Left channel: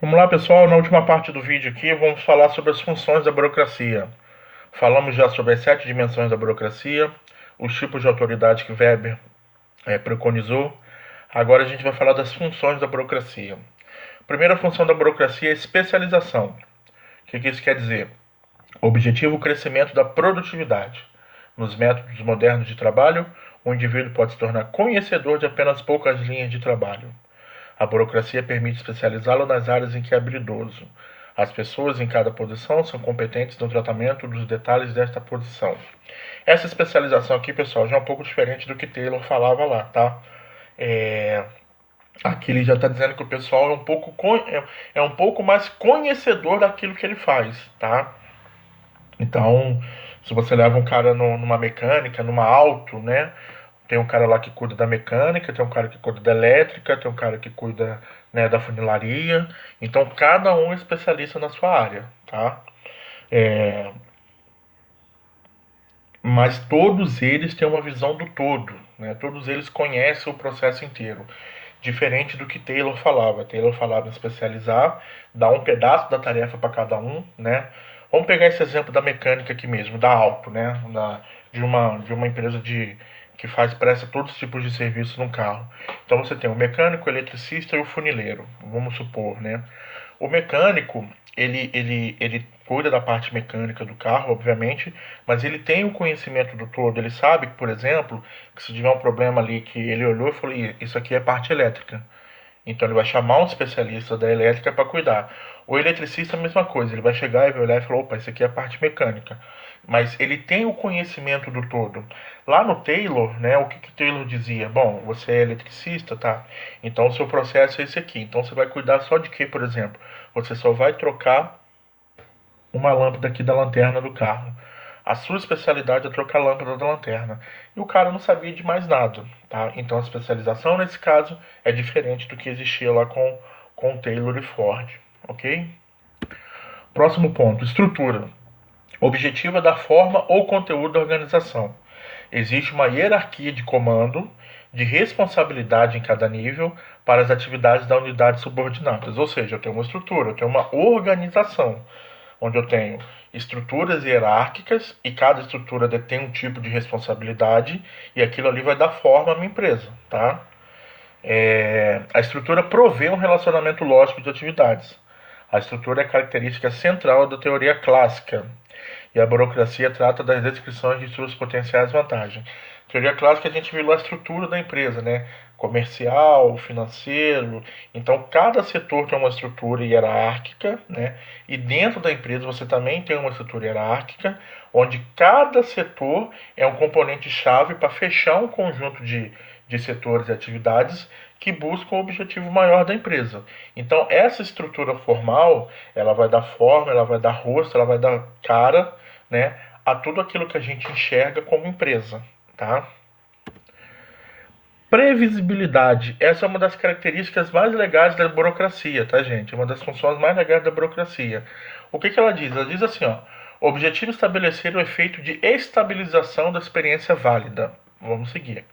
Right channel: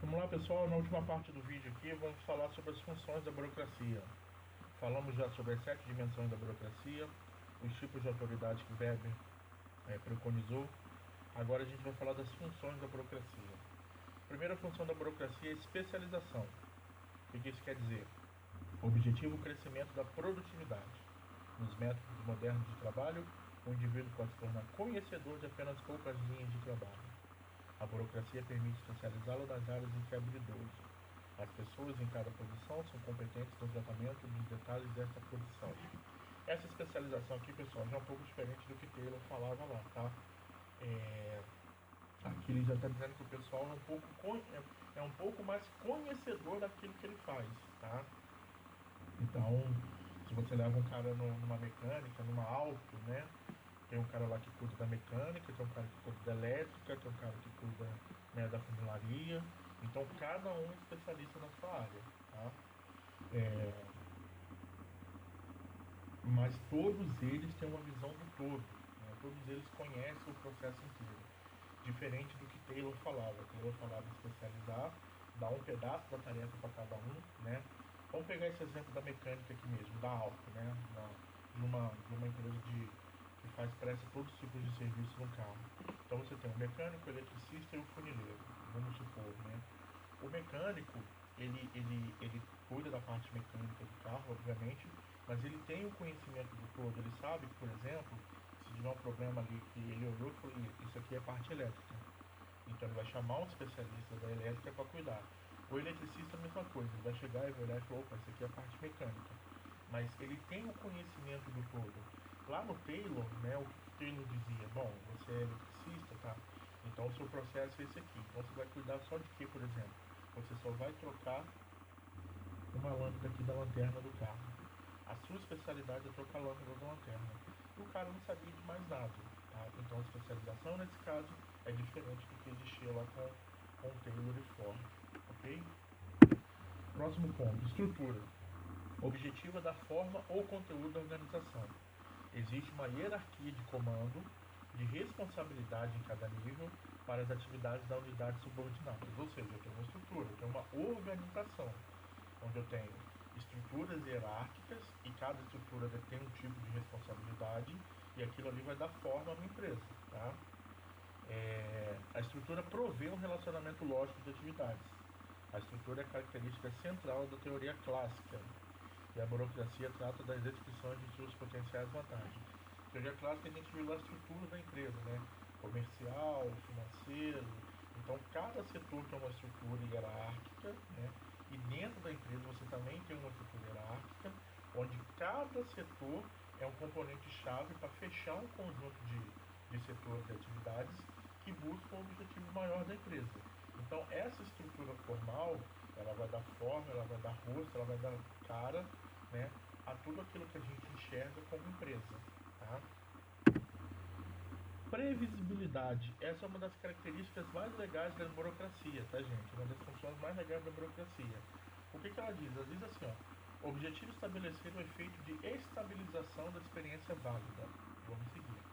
Vamos lá, pessoal. Na última parte do vídeo aqui, vamos falar sobre as funções da burocracia. Falamos já sobre as 7 dimensões da burocracia, os tipos de autoridade que Weber preconizou. Agora a gente vai falar das funções da burocracia. A primeira função da burocracia é especialização. O que isso quer dizer? Objetivo o crescimento da produtividade. Nos métodos modernos de trabalho, o indivíduo pode se tornar conhecedor de apenas poucas linhas de trabalho. A burocracia permite especializá-lo nas áreas em que é habilidoso. As pessoas em cada posição são competentes no tratamento dos detalhes desta posição. Essa especialização aqui, pessoal, já é um pouco diferente do que Taylor falava lá, tá? É... Aqui ele já está dizendo que o pessoal é um pouco mais conhecedor daquilo que ele faz, tá? Então, se você leva um cara numa mecânica, numa auto, né? Tem um cara lá que cuida da mecânica, tem um cara que cuida da elétrica, tem um cara que cuida, né, da funilaria. Então, cada um é especialista na sua área, tá? É, mas todos eles têm uma visão do todo, né? Todos eles conhecem o processo inteiro. Diferente do que Taylor falava. Taylor falava em especializar, dar um pedaço da tarefa para cada um, né? Vamos pegar esse exemplo da mecânica aqui mesmo, da Auto, né? De uma empresa que presta todos os tipos de serviço no carro. Então você tem o mecânico, o eletricista e o funileiro, vamos supor, né? O mecânico, ele cuida da parte mecânica do carro, obviamente, mas ele tem o conhecimento do todo. Ele sabe que, por exemplo, que se tiver um problema ali que ele olhou e falou, isso aqui é parte elétrica. Então ele vai chamar um especialista da elétrica para cuidar. O eletricista é a mesma coisa, ele vai chegar e vai olhar e falar, opa, isso aqui é a parte mecânica. Mas ele tem o conhecimento do todo. Lá no Taylor, né, o que Taylor dizia? Bom, você é eletricista, tá? Então o seu processo é esse aqui. Então você vai cuidar só de quê, por exemplo? Você só vai trocar uma lâmpada aqui da lanterna do carro. A sua especialidade é trocar a lâmpada da lanterna. E o cara não sabia de mais nada, tá? Então a especialização nesse caso é diferente do que existia lá com Taylor e Ford, ok? Próximo ponto, estrutura. Objetivo é dar forma ou conteúdo da organização. Existe uma hierarquia de comando, de responsabilidade em cada nível para as atividades da unidade subordinadas. Ou seja, eu tenho uma estrutura, eu tenho uma organização, onde eu tenho estruturas hierárquicas e cada estrutura detém um tipo de responsabilidade e aquilo ali vai dar forma à minha empresa, tá? A estrutura provê um relacionamento lógico de atividades. A estrutura é a característica central da teoria clássica e a burocracia trata das descrições de suas potenciais vantagens. Teoria clássica a gente viu lá a estrutura da empresa, né? Comercial, financeiro. Então cada setor tem uma estrutura hierárquica, né? E dentro da empresa você também tem uma estrutura hierárquica, onde cada setor é um componente chave para fechar um conjunto de setores e atividades que buscam o objetivo maior da empresa. Então, essa estrutura formal, ela vai dar forma, ela vai dar rosto, ela vai dar cara, né, a tudo aquilo que a gente enxerga como empresa, tá? Previsibilidade. Essa é uma das características mais legais da burocracia, tá, gente? É uma das funções mais legais da burocracia. O que ela diz? Ela diz assim, ó, o objetivo é estabelecer o efeito de estabilização da experiência válida. Vamos seguir.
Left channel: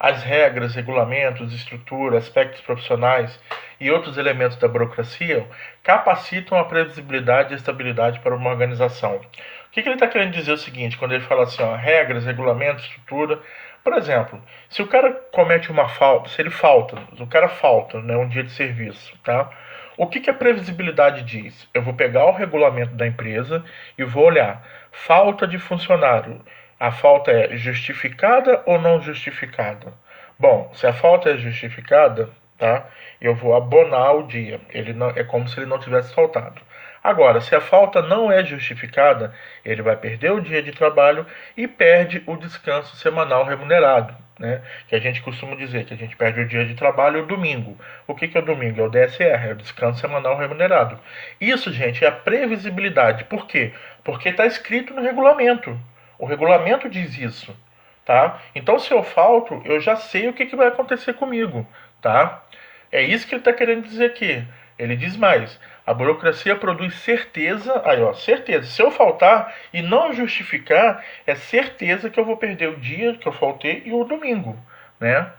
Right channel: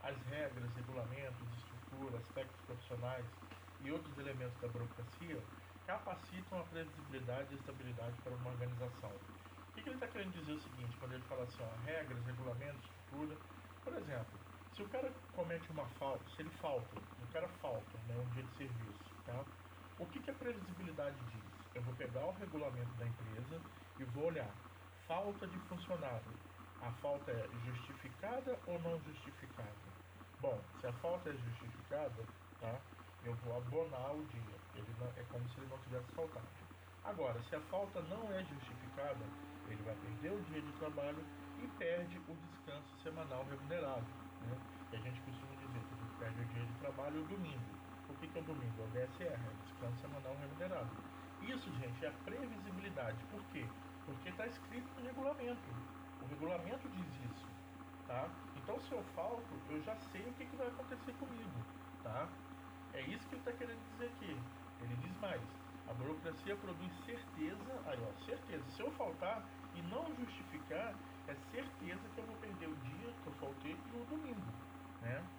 As regras, regulamentos, estrutura, aspectos profissionais e outros elementos da burocracia capacitam a previsibilidade e a estabilidade para uma organização. O que ele está querendo dizer é o seguinte, quando ele fala assim, ó, regras, regulamentos, estrutura. Por exemplo, se o cara comete uma falta, se ele falta, o cara falta, né, um dia de serviço, tá? O que a previsibilidade diz? Eu vou pegar o regulamento da empresa e vou olhar. Falta de funcionário. A falta é justificada ou não justificada? Bom, se a falta é justificada, tá? Eu vou abonar o dia. Ele não, é como se ele não tivesse faltado. Agora, se a falta não é justificada, ele vai perder o dia de trabalho e perde o descanso semanal remunerado, né? Que a gente costuma dizer que a gente perde o dia de trabalho e o domingo. O que é o domingo? É o DSR, é o descanso semanal remunerado. Isso, gente, é a previsibilidade. Por quê? Porque está escrito no regulamento. O regulamento diz isso, tá? Então, se eu falto, eu já sei o que vai acontecer comigo, tá? É isso que ele está querendo dizer aqui. Ele diz mais: a burocracia produz certeza, aí ó, certeza. Se eu faltar e não justificar, é certeza que eu vou perder o dia que eu faltei e o domingo, né?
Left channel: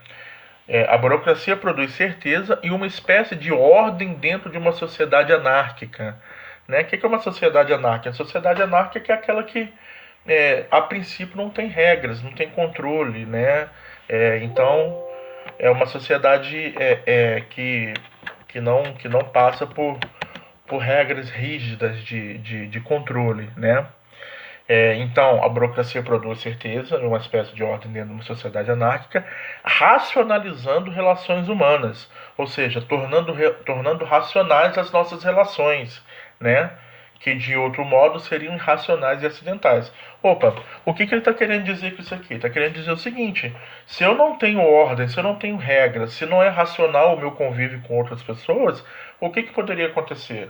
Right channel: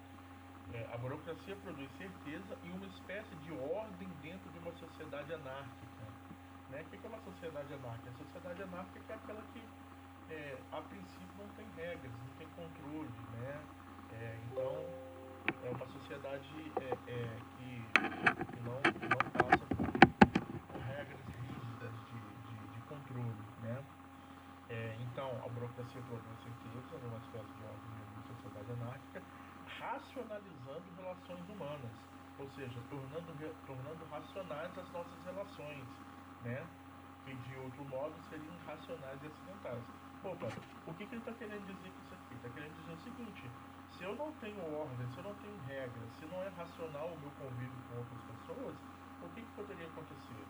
A burocracia produz certeza e uma espécie de ordem dentro de uma sociedade anárquica. Né? O que é uma sociedade anárquica? A sociedade anárquica é aquela que, a princípio, não tem regras, não tem controle. Né? Então, é uma sociedade que não passa por regras rígidas de controle. Né? Então, a burocracia produz certeza, uma espécie de ordem dentro de uma sociedade anárquica, racionalizando relações humanas, ou seja, tornando racionais as nossas relações, né? Que de outro modo seriam irracionais e acidentais. Opa, o que ele está querendo dizer com isso aqui? Está querendo dizer o seguinte: se eu não tenho ordem, se eu não tenho regras, se não é racional o meu convívio com outras pessoas, o que poderia acontecer?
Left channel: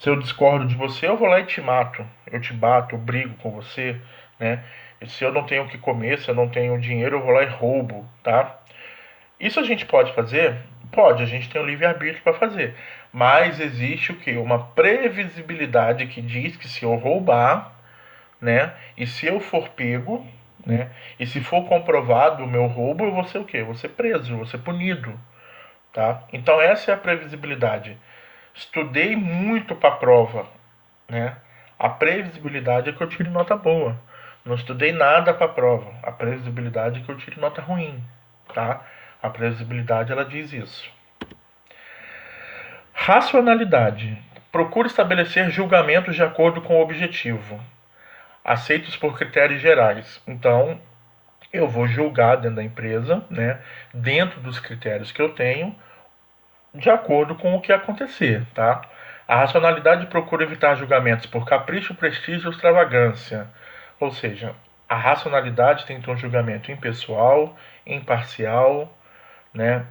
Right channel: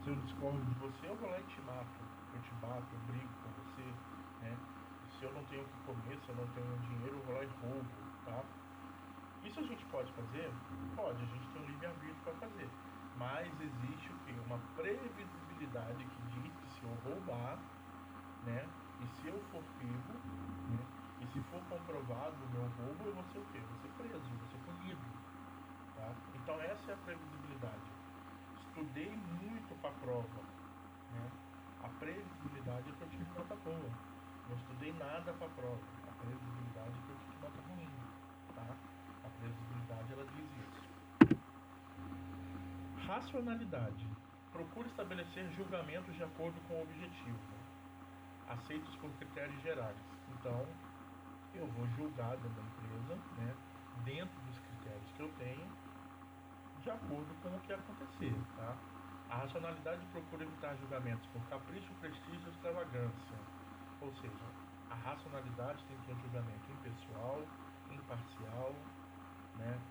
Se eu discordo de você, eu vou lá e te mato. Eu te bato, eu brigo com você, né? E se eu não tenho o que comer, se eu não tenho dinheiro, eu vou lá e roubo, tá? Isso a gente pode fazer? Pode, a gente tem o livre-arbítrio para fazer. Mas existe o quê? Uma previsibilidade que diz que se eu roubar, né? E se eu for pego, né? E se for comprovado o meu roubo, eu vou ser o quê? Eu vou ser preso, eu vou ser punido, tá? Então essa é a previsibilidade. Estudei muito para a prova, né? A previsibilidade é que eu tire nota boa. Não estudei nada para a prova. A previsibilidade é que eu tire nota ruim, tá? A previsibilidade ela diz isso. Racionalidade. Procura estabelecer julgamentos de acordo com o objetivo, aceitos por critérios gerais. Então, eu vou julgar dentro da empresa, né? Dentro dos critérios que eu tenho, de acordo com o que acontecer, tá? A racionalidade procura evitar julgamentos por capricho, prestígio ou extravagância. Ou seja, a racionalidade tem um julgamento impessoal, imparcial, né?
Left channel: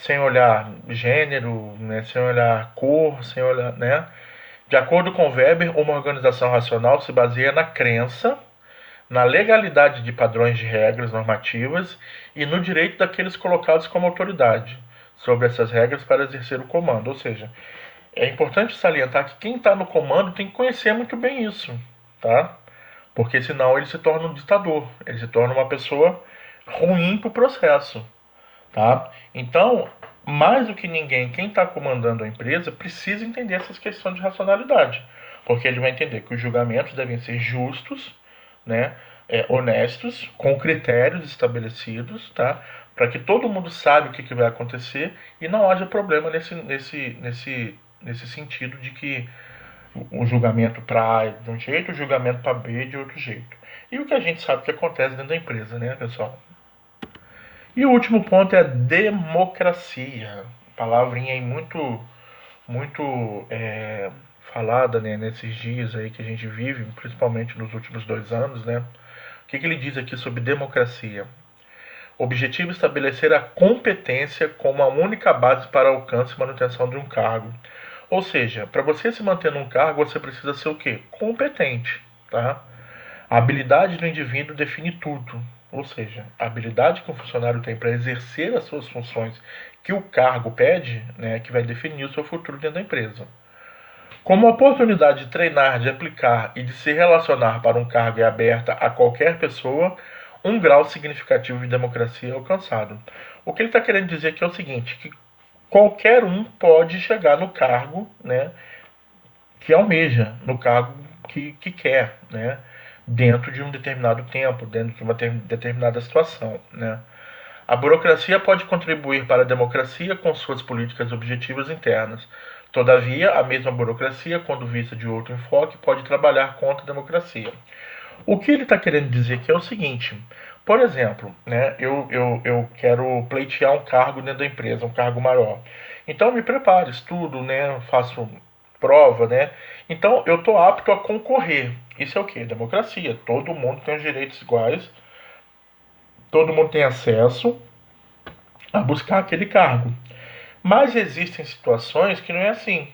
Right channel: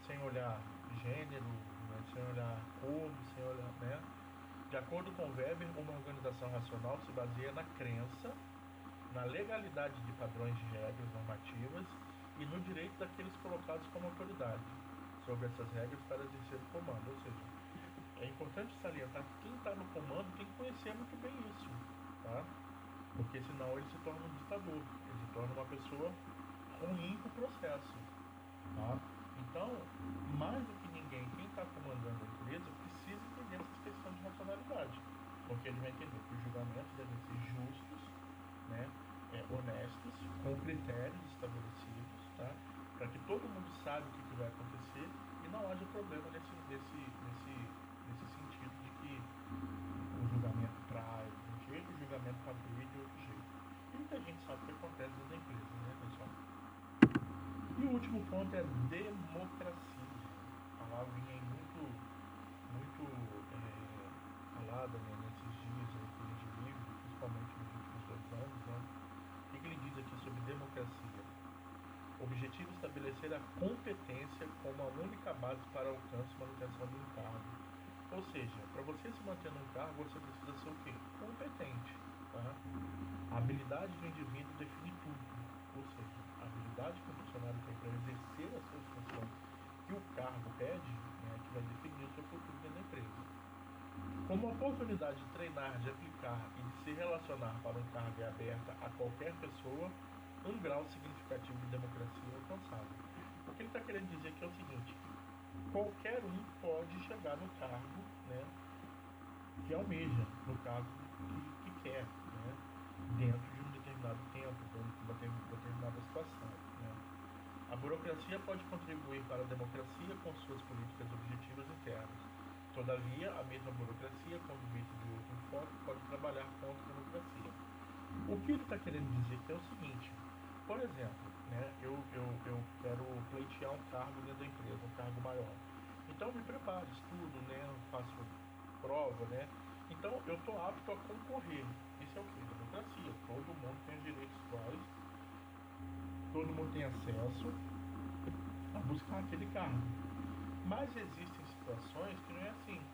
Sem olhar gênero, né? Sem olhar cor, sem olhar, né? De acordo com Weber, uma organização racional se baseia na crença, na legalidade de padrões de regras normativas e no direito daqueles colocados como autoridade sobre essas regras para exercer o comando. Ou seja, é importante salientar que quem está no comando tem que conhecer muito bem isso, tá? Porque senão ele se torna um ditador, ele se torna uma pessoa ruim para o processo, tá? Então, mais do que ninguém, quem está comandando a empresa precisa entender essas questões de racionalidade, porque ele vai entender que os julgamentos devem ser justos, né? Honestos, com critérios estabelecidos, tá? Para que todo mundo saiba o que vai acontecer e não haja problema nesse sentido de que o julgamento para A é de um jeito, o julgamento para B é de outro jeito. E o que a gente sabe que acontece dentro da empresa, né, pessoal? E o último ponto é a democracia. Palavrinha aí muito falada, né, nesses dias aí que a gente vive, principalmente nos últimos 2 anos, né? O que ele diz aqui sobre democracia? Objetivo: estabelecer a competência como a única base para alcance e manutenção de um cargo. Ou seja, para você se manter num cargo, você precisa ser o quê? Competente, tá? A habilidade do indivíduo define tudo. Ou seja, a habilidade que o funcionário tem para exercer as suas funções que o cargo pede, né, que vai definir o seu futuro dentro da empresa. Como a oportunidade de treinar, de aplicar e de se relacionar para um cargo é aberta a qualquer pessoa, um grau significativo de democracia é alcançado. O que ele está querendo dizer aqui é o seguinte, que qualquer um pode chegar no cargo, né, que almeja, no cargo que quer, né, dentro de um determinado tempo, dentro de uma determinada situação, né. A burocracia pode contribuir para a democracia com suas políticas objetivas internas. Todavia, a mesma burocracia, quando vista de outro enfoque, pode trabalhar contra a democracia. O que ele está querendo dizer aqui é o seguinte: por exemplo, né, eu quero pleitear um cargo dentro da empresa, um cargo maior. Então, me preparo, estudo, né, faço prova, né? Então, eu estou apto a concorrer. Isso é o que? Democracia. Todo mundo tem os direitos iguais, todo mundo tem acesso a buscar aquele cargo. Mas existem situações que não é assim.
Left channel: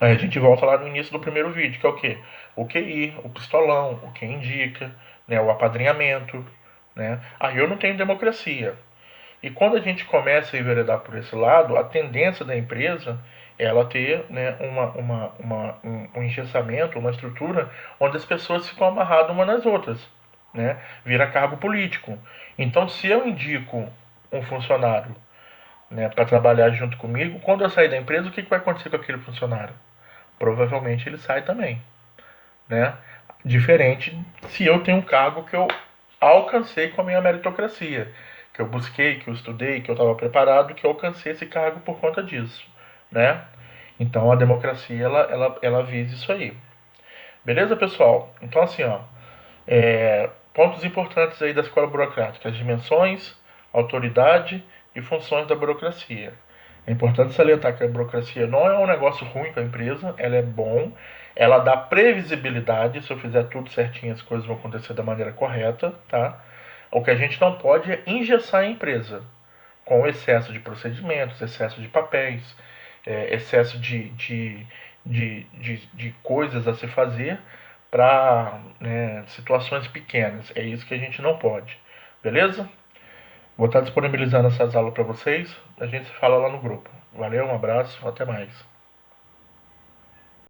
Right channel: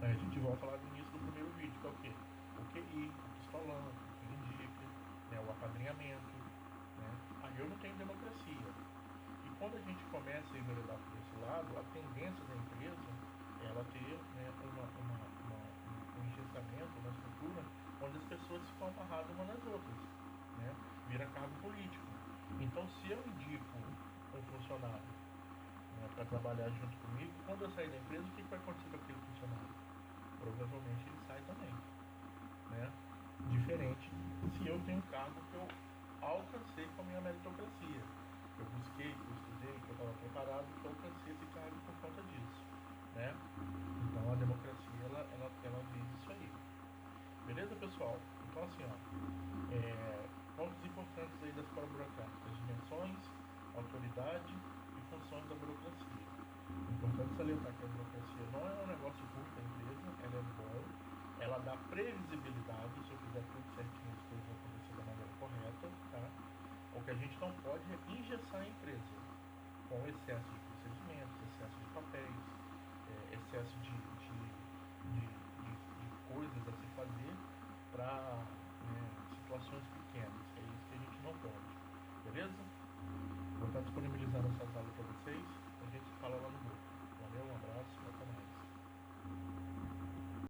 Aí a gente volta lá no início do primeiro vídeo, que é o quê? O QI, o pistolão, o que indica, né, o apadrinhamento, né? Aí eu não tenho democracia. E quando a gente começa a enveredar por esse lado, a tendência da empresa é ela ter, né, um engessamento, uma estrutura onde as pessoas ficam amarradas umas nas outras. né? Vira cargo político. Então, se eu indico um funcionário, né, para trabalhar junto comigo, quando eu sair da empresa, o que vai acontecer com aquele funcionário? Provavelmente ele sai também, né? Diferente se eu tenho um cargo que eu alcancei com a minha meritocracia, que eu busquei, que eu estudei, que eu estava preparado, que eu alcancei esse cargo por conta disso, né? Então a democracia ela visa isso aí. Beleza, pessoal? Então assim, ó, pontos importantes aí da escola burocrática: as dimensões, autoridade e funções da burocracia. É importante salientar que a burocracia não é um negócio ruim para a empresa, ela é bom, ela dá previsibilidade, se eu fizer tudo certinho as coisas vão acontecer da maneira correta, tá? O que a gente não pode é engessar a empresa com excesso de procedimentos, excesso de papéis, excesso de coisas a se fazer para, né, situações pequenas. É isso que a gente não pode. Beleza? Vou estar disponibilizando essas aulas para vocês. A gente se fala lá no grupo. Valeu, um abraço, até mais.